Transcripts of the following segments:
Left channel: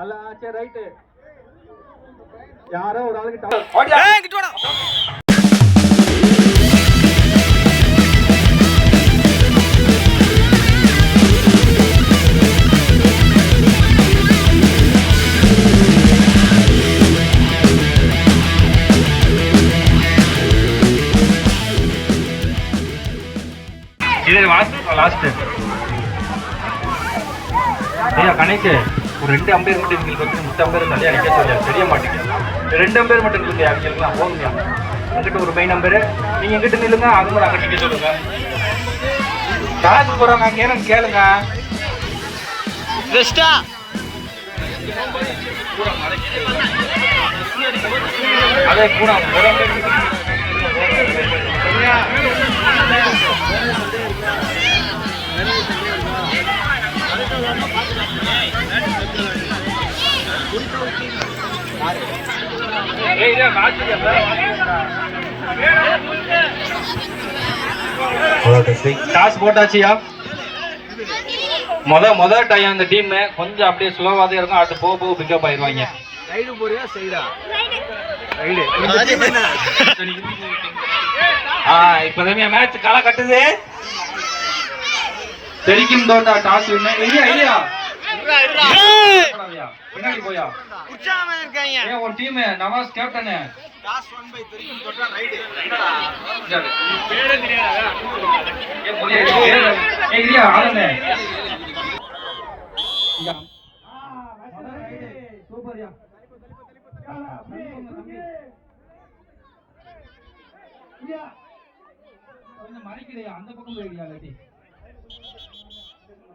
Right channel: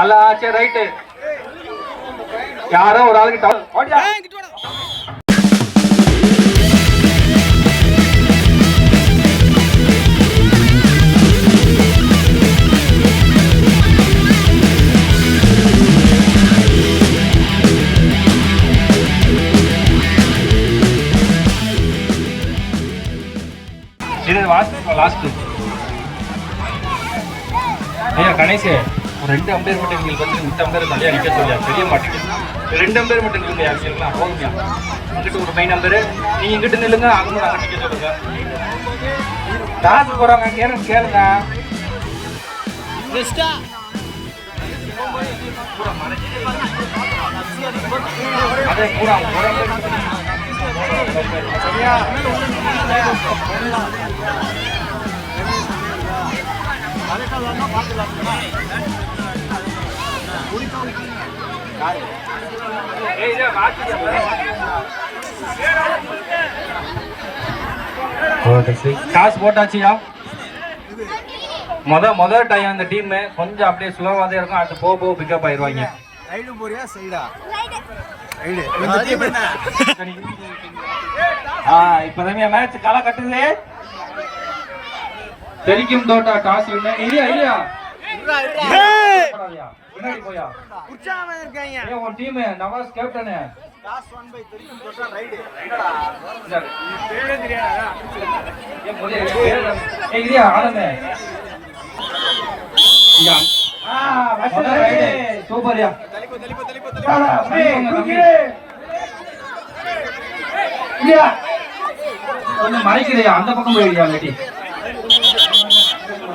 அல்ல சரி ரைட்டு யாரோ ஒரு ஆளுக்கு கணேஷ் ஒரு ரெண்டு அம்பேர் மட்டும் எங்களுக்கு வந்து மித்த அம்பேர் நிறைய அடிக்க சொல்லியா தெரிய மாட்டேங்குது. ரெண்டு அம்பேர் மட்டும் இல்லையா அவங்களுக்குலாம் போகுங்க உங்ககிட்ட ஒரு மெயின் நம்பரு நீங்க எங்கிட்ட நில்லுங்க அது மாதிரி அங்கிட்ட நிக்க சொல்லுங்க. கணக்கு போறாங்க கேளுங்க கேளுங்க. பெஸ்டா அதே அம்பேர் சரியா காசு போட்டாச்சியா? முத முத டைம் அந்த டீம் கொஞ்சம் அப்படியே ஸ்லோவா தான் இருக்கும். அடுத்து போக போக பிக்கப் ஆயிருவாங்க ரைடு போறியா? சைடா ஆ இப்போதான் மேட்ச் களை கட்டுது? தெரிக்கும் தோட்டா டாஸ் வின்னு இல்லையா இல்லையா. பின்னாடி போயா? உற்சாகமா இருக்காங்க ஏ உன் team Nawaz captain toss won by தெரியும் தொட்டா ரைடு ஏ போறியா? ஏ இல்லையா ஆனந்த். இங்க. சூப்பர்யா கொஞ்சம் மறைக்கிறியா அந்த பக்கம் போயிடுயா லேடி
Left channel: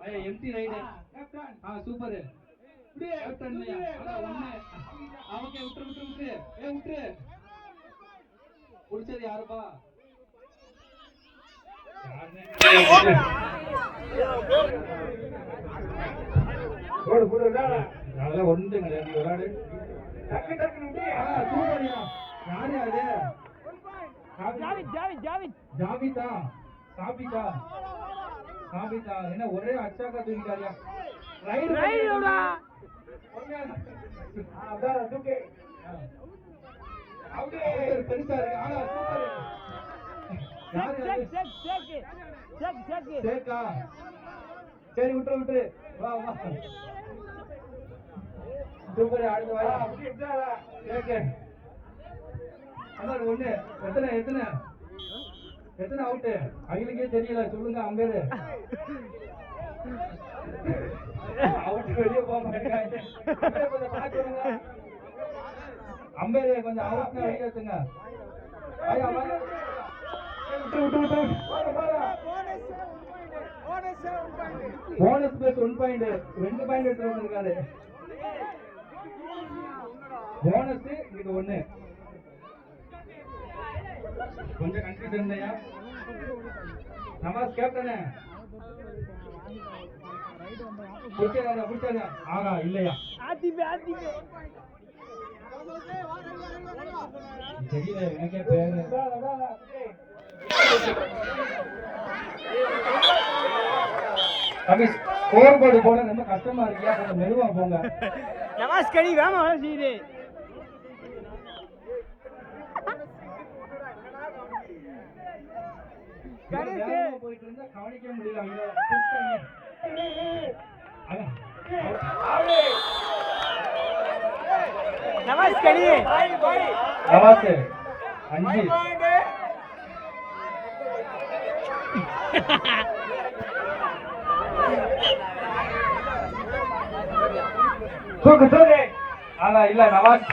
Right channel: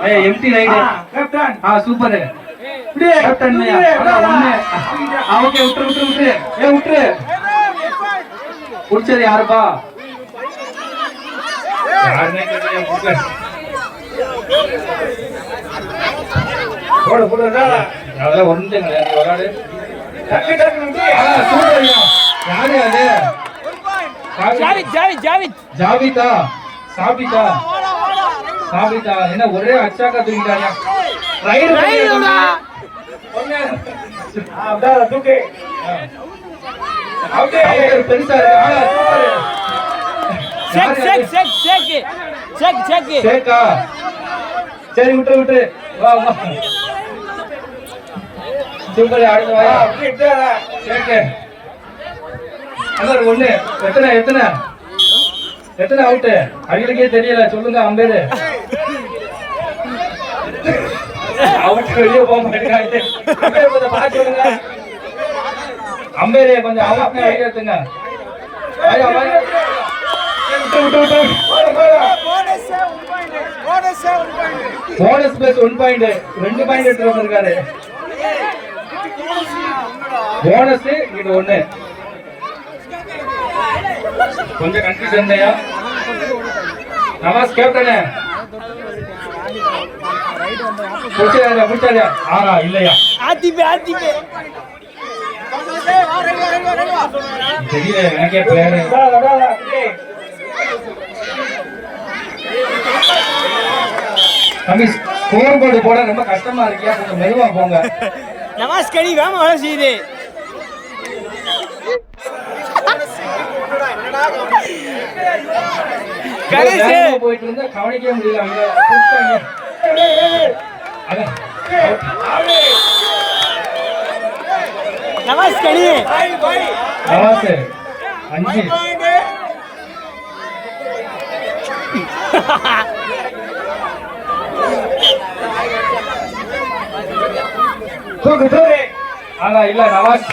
ஏய் எம்டி ரைடு கேப்டன் ஆ சூப்பர் கேப்டன் ஒண்ணு. ஓகே விட்டுரு ஏ விட்டுரு. புடிச்சது யாருப்பா. போடு போடு அதெல்லாம் ஒன்றும் கிடையாது விளையாடு ஆ, சூப்பர்யா. யாரு அது? ஜாவித் ஜாவித் ஜாவித். ஜாவிதா? சாபிதா சாபிதா என்ன ஒரே அச்சாக்கா தூக்கிட்டாங்க ரைடு ரைடுடா. பெருசா இருக்கு ஆ, சூப்பரு. செக் யாரு செக் அது? செக் செக் செக் செக் சேக்கா சரி விட்டு விட்டு. வா வா. சூப்பர் அடுத்து வா சேக்கு அதான் ஒண்ணு. எத்தனை எத்தனை? எத்தனை அவுட்டு அவங்களுக்கே தெரியல. சொல்லுங்க அம்பேரு. அவருக்கு வெளியே போக மாட்டேங்கிறாங்க கொஞ்சம் பார்த்து சொல்லுங்க அம்பேரே கொஞ்சம் போனஸ் பிளஸ் ஒன் பாயிண்ட் ரெண்டு பாயிண்ட் எடுத்து வந்திருக்காரு. போனஸ் இது ஒண்ணு. கொஞ்சம் கன்ஃபியூஷன் நவாஸ் கேப்டனே ஆறா இல்லையா ஆத்திபே ஆத்திபே தெரியல எனக்கே பேரு தம்பி போட ரொம்ப கஷ்டமா இருக்கியா கொஞ்சம் மெதுவா போங்க நவாஸ் கடி வேம வேலை செய்யுது கணேஷ் போயிட்டு இருந்தா கவனிக்கவே முடியல அங்க. நவாஸ் கடி நவாஸ் அஞ்சு. தூக்கு தூக்கு. ஆனா இல்ல நவாஸ்.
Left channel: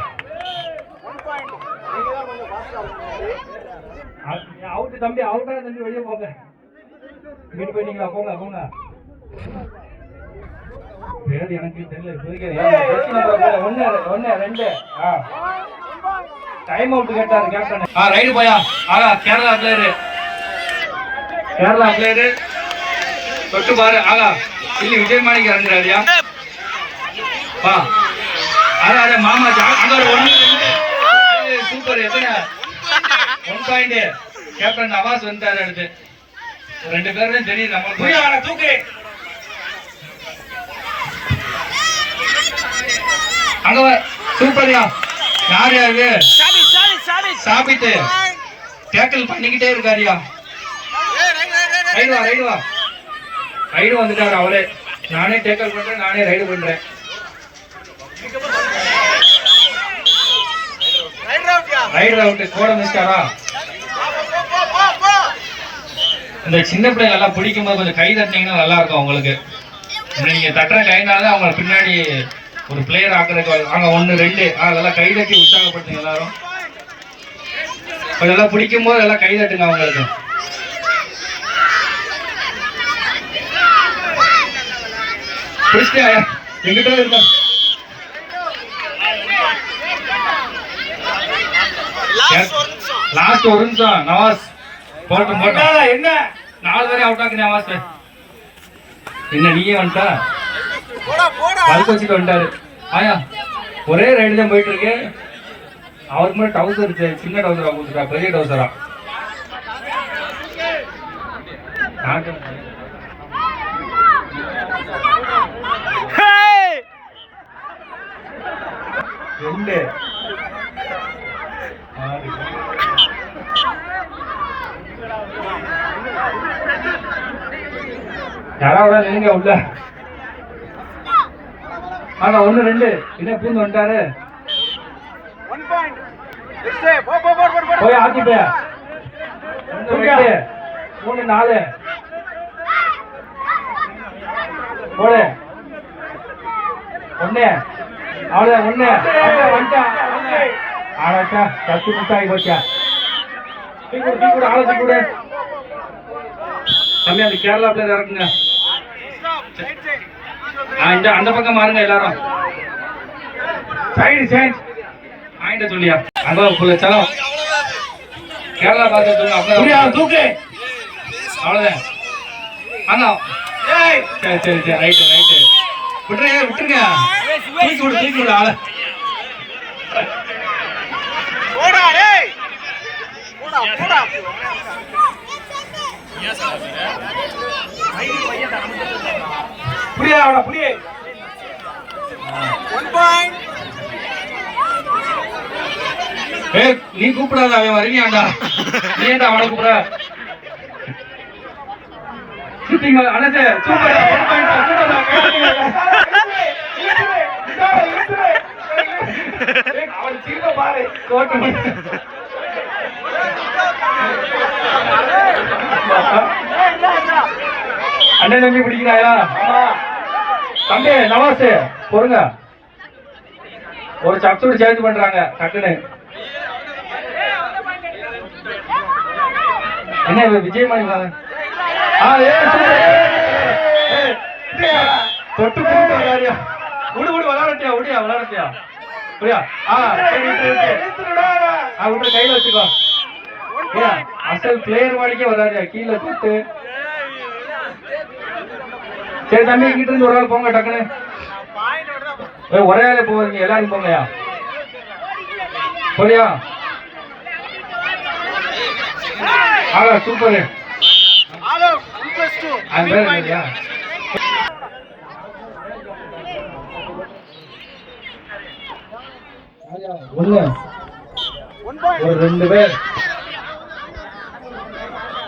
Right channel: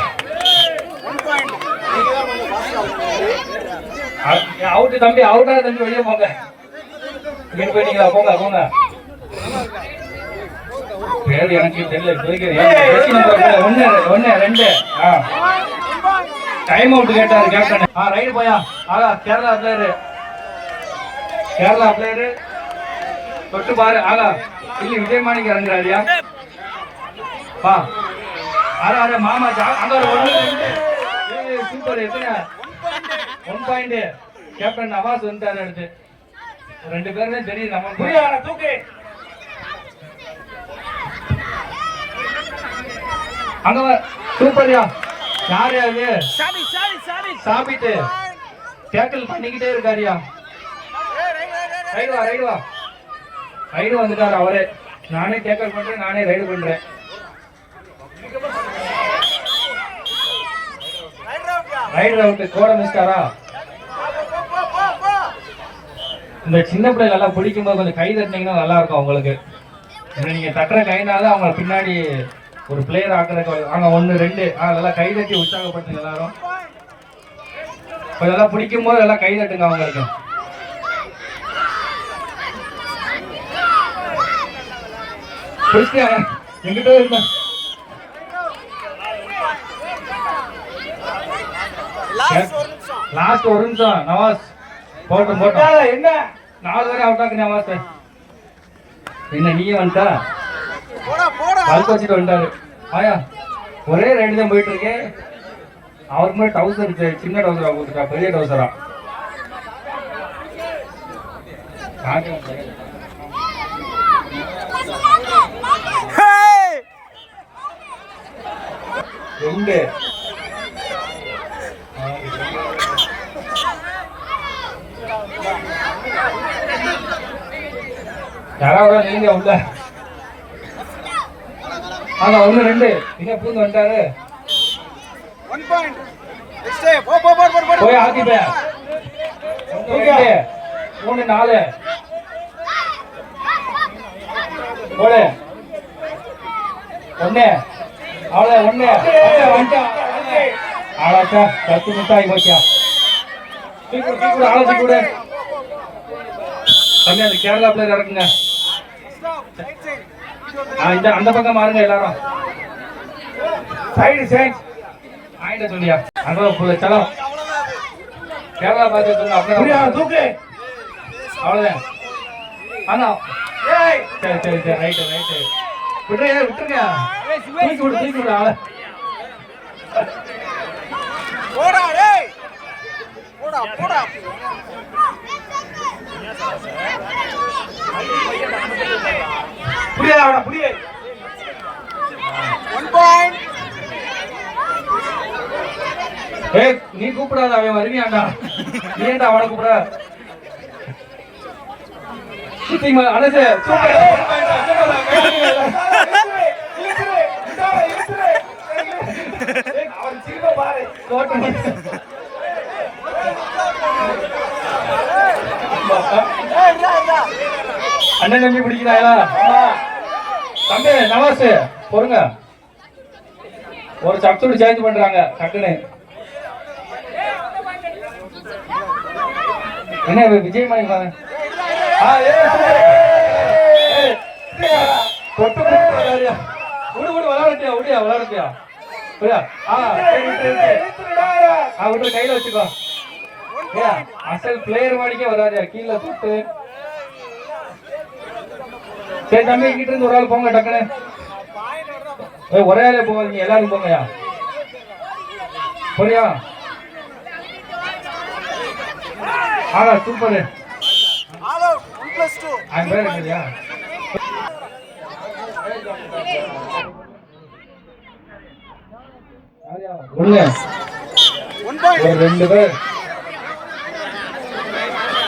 அவுட் தம்பி அவுட்டா தம்பி வெளியே போங்க. இங்க போயிட்டீங்களா போங்க போங்க. பேர் எனக்கு தெரியல ஒன்னு ஒன்னு ரெண்டு. ஆ. டைம் அவுட் கேட்டாரு கேப்டன் ஆ ரைடு போயா. ஆகா கேரளா பிளேயரு கேரளா பிளேயரு தொட்டு பாரு. ஆகா இல்லை விஜய் மாணிக்க இறங்குறாருயா வா. அதான் அட மாமா அங்க ஒரு சூப்பர் எத்தனை? ஒன் பாயிண்ட் கேப்டன் நவாஸ் வந்துட்டாரு அடுத்து ரெண்டு பேருமே தெரியும் நம்மளுக்கு தூக்கு. அங்க சூப்பர்யா. யார் யாரு சாமி சாமி சாமி. சாபித்து. டேக்கிள் பண்ணிக்கிட்டே இருக்காருயா. ரைடு வா ரைடு வா. ரைடு வந்துட்டாரு அவரே. நானே டேக்கிள் பண்றேன் நானே ரைடு பண்றேன். ரைடு ரவுட்டு கோட மிஸ்டாரா இந்த சின்ன பிள்ளைகள் எல்லாம் பிடிக்கும் போது கொஞ்சம் கை தட்டினீங்கன்னா நல்லா இருக்கும் உங்களுக்கு இந்த நீங்க தட்டுற கைனால தான் அவங்க பின்னாடி ஒரு பிளேயர் ஆக்குறதுக்கு அங்க ஒன்று ரெண்டு. ஆ, அதெல்லாம் கை தட்டி உற்சாகப்படுத்துங்க எல்லாரும். அதெல்லாம் பிடிக்கும் போது எல்லாம் கை தட்டுங்க அவங்களுக்கு. பிடிச்சிட்டியா? எங்கிட்ட இருந்தா? லாஸ்ட் ஒரு நிமிஷம். நவாஸ் போட்டும் போட்டோம் என்ன? நாலு பேரும் அவுட் ஆக்கு நவாஸ். என்ன நீயே வந்துட்டா? கழுத்து வச்சுட்டு வந்துட்டாரு. ஆயா ஒரே ரைடு தான் போயிட்டு இருக்கு அவருக்கு மேலே டவுசர் சின்ன டவுசரா போட்டுட்டா பெரிய டவுசரா ரெண்டு. யாராவது நீங்க உள்ள? ஆனா ஒண்ணு ரெண்டு. என்ன பூந்து வந்துட்டாரு? போய் ஆத்தி போயா. மூணு நாலு. போடு. ஒண்ணு. அவ்வளவு ஒண்ணு. ஆளாச்சா? பத்து நிமிஷம் போச்சா? அந்த கேரளா பிளேயர் இறக்குங்க இந்த அந்த பக்கம் மாறுங்க எல்லாரும். சைடு சேஞ்ச் ஆயிட்ட சொல்லியா? அதான் புள்ள சலம் கேரளா பார்த்து சொல்லுங்க அப்பதான் தூக்கு. அவ்வளவுதான். ஆனா சரி சரி சரி. ரைட்டு ரைட்டு விட்டுருங்க விட்டுருங்க. தூக்கி விடு தூக்கி விடு ஆளை. புரிய அவன புரிய நீ கூப்பிடாத அவன் வருவியாண்டா நீ ஏன்டா அவனை கூப்பிட? அனசு சூப்பர் அண்ணன் தம்பி பிடிக்கிறாயா? தம்பி நவாஸ் பொறுங்க ஒரு சப்சூடு சேஞ்ச் பண்றாங்க டக்குன்னு என்ன இவ விஜய் மணி ஆ ஏய், தொட்டு போட்டு விளையாடியா விடு விடு விளையாடுத்தியா விடியா விளையாடுத்தியா புரியா ஆ விட்டு ஆ விட்டு கையில வச்சுக்கோ ஏய், அசல் பிளேயர் மாடிக்கே வராதியா கீழே தொட்டு சரி தம்பி கிட்ட இருந்து ஒரு ஆள் போங்க டக்குன்னு ஒரே ஆளே போவாதீங்க எல்லாரும் போங்கயா சரியா ஆ சூப்பர். அவன் பேர் என்னடியா ஒண்ணு. ஒரு ரெண்டு பேர்.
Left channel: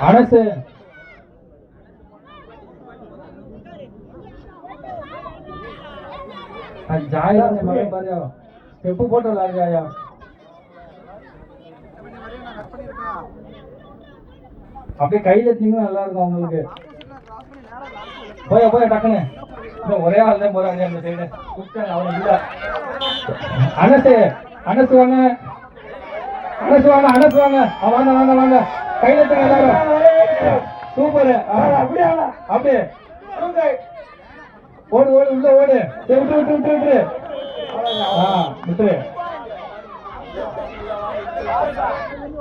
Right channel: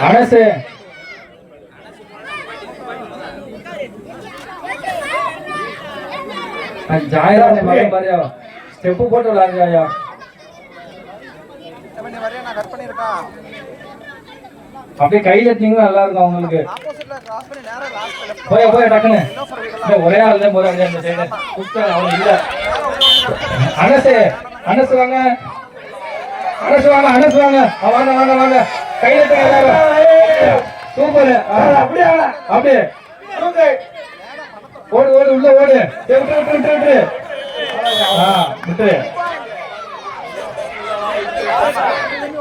அனசு. ஜாயிரம் மகன் பாரியா ஸ்டெப்பு போட்டு விளாடுறியா அப்படியே கை தட்டினீங்கன்னா நல்லா இருக்கும் அவங்களுக்கு போய் போய் டக்குன்னு. ஒரே தான் போதும் அனசு அனசு வாங்க. அனசு வாங்க அனசு வாங்க. வாங்க வாங்க சூப்பர். அப்படியே ஓடு ஓடு உள்ள ஓடு. விட்டு விட்டு விட்டு விட்டு. ஆ விட்டு.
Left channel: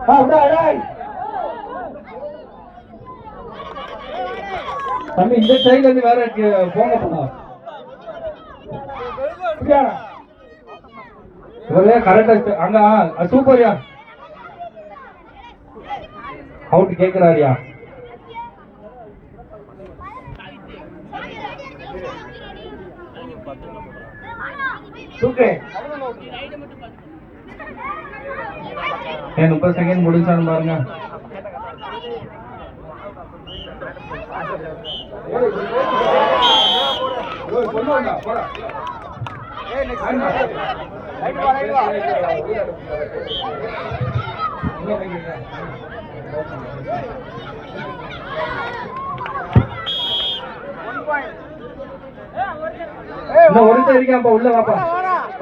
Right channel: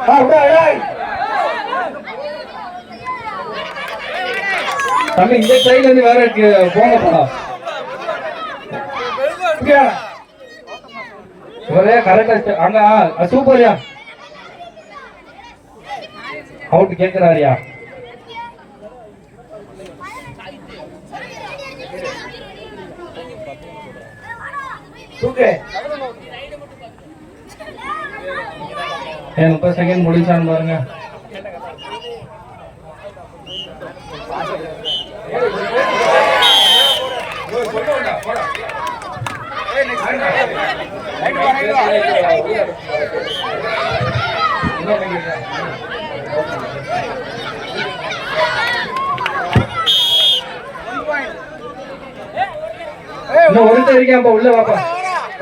ஆ விடா ஏய். தம்பி இந்த சைடுல இருந்து வேற ஒரே கரெக்டா சூப்பர்யா அவுட் கேக்குறாருயா ஏன் முப்பது செகண்ட் முடிச்சான்னு பாருங்க. இன்னும் ஒருத்தர் இருக்கேன் உள்ள வாப்பா.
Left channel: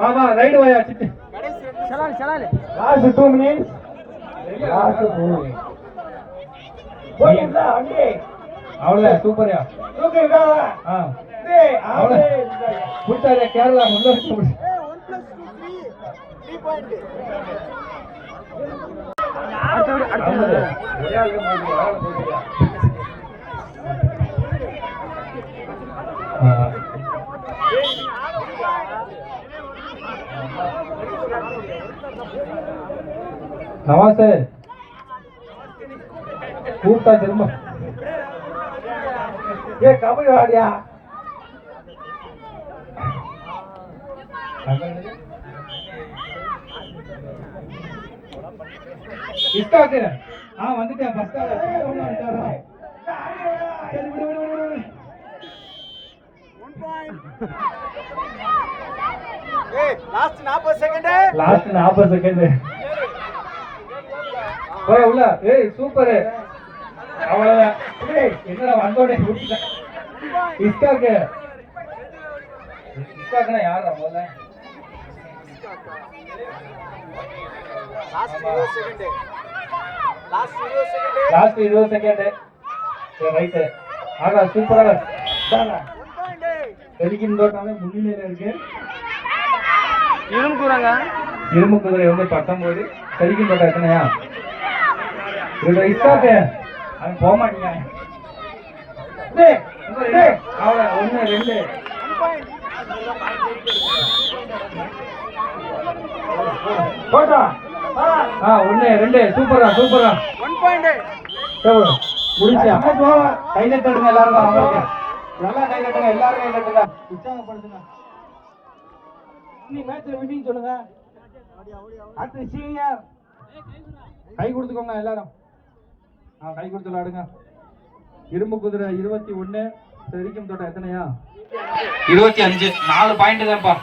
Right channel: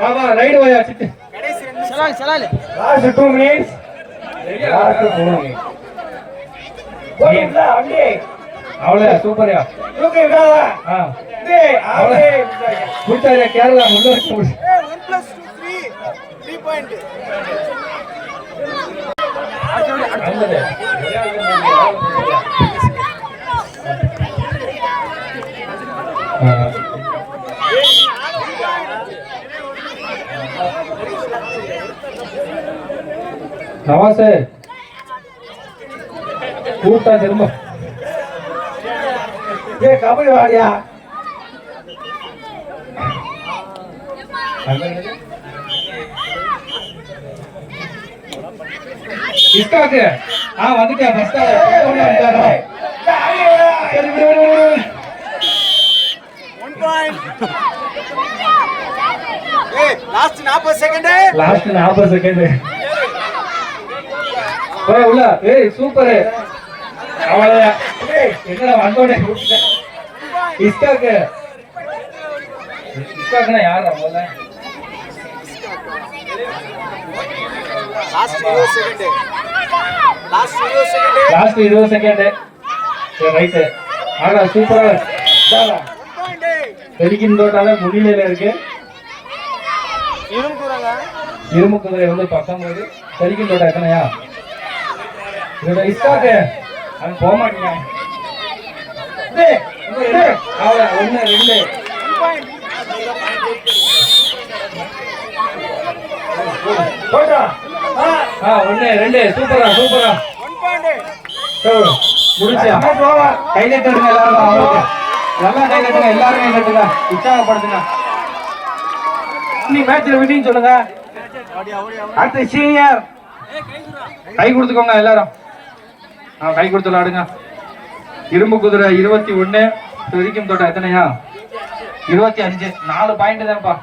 வா ரைடு வாயா சிட்டு சலால் சலால். Last two minutes last two அவ்வளவு சூப்பர்யா தூக்கி விடாத ஆ. டேய் ஆளே முடிச்சாரியா கேரளா முன்னு வச்சு முடிச்சு அடுத்த அடுத்த நவாசு. கூப்பிட்டா திரும்ப. டேய் கபடி வாடியா இஸ்காக்கு. ஆ வந்துட்டேன் ஃபர்ஸ்ட். லாஸ்ட் நாற்பது செகண்ட் லாஸ்ட் நாற்பது செகண்ட் போய் உள்ள. ஏய் சூப்பர் ஏய் என்ன வந்தோடனே கூப்பிட்டேன் இஸ்காக்கு இஸ்காக்குனா யார் அவ்வளவுதான் லாஸ்ட் இருபது செகண்ட் லாஸ்ட் இருபது செகண்ட் லாஸ்ட் இருபது செகண்ட் சரி ரைட்டு ஆனா சூப்பரா பெருக்கின்றதால முன்னிலையில இருக்கு. கூறாங்க இரும்பு குதிரை வந்து பத்தொன்பது. பெருக்கின்றோட எத்தனையா? இது இஸ்காக்கு அவன் போக மாட்டீங்க டேய், ரெண்டு. அவ்வளவு, ரெண்டு. ஆ சூப்பரா சூப்பரா. கை தட்டுங்க எல்லாரும் அவருக்கு கை எல்லாரும் கை உற்சாகப்படுத்துங்க. நீ மேட்ச்ல விட்டின்னு சொல்லுங்க. அடுத்து சீனியர் கை கொடுத்துக்கோங்க எல்லாரும். கை கொடுத்து விளாடுங்க இரும்பு குதிரை இருபத்தி ஒண்ணு வரைக்கும் தோட்டம் எத்தனையா? இருபத்தி அஞ்சு. நாலு பாயிண்ட் தான்ப்பா.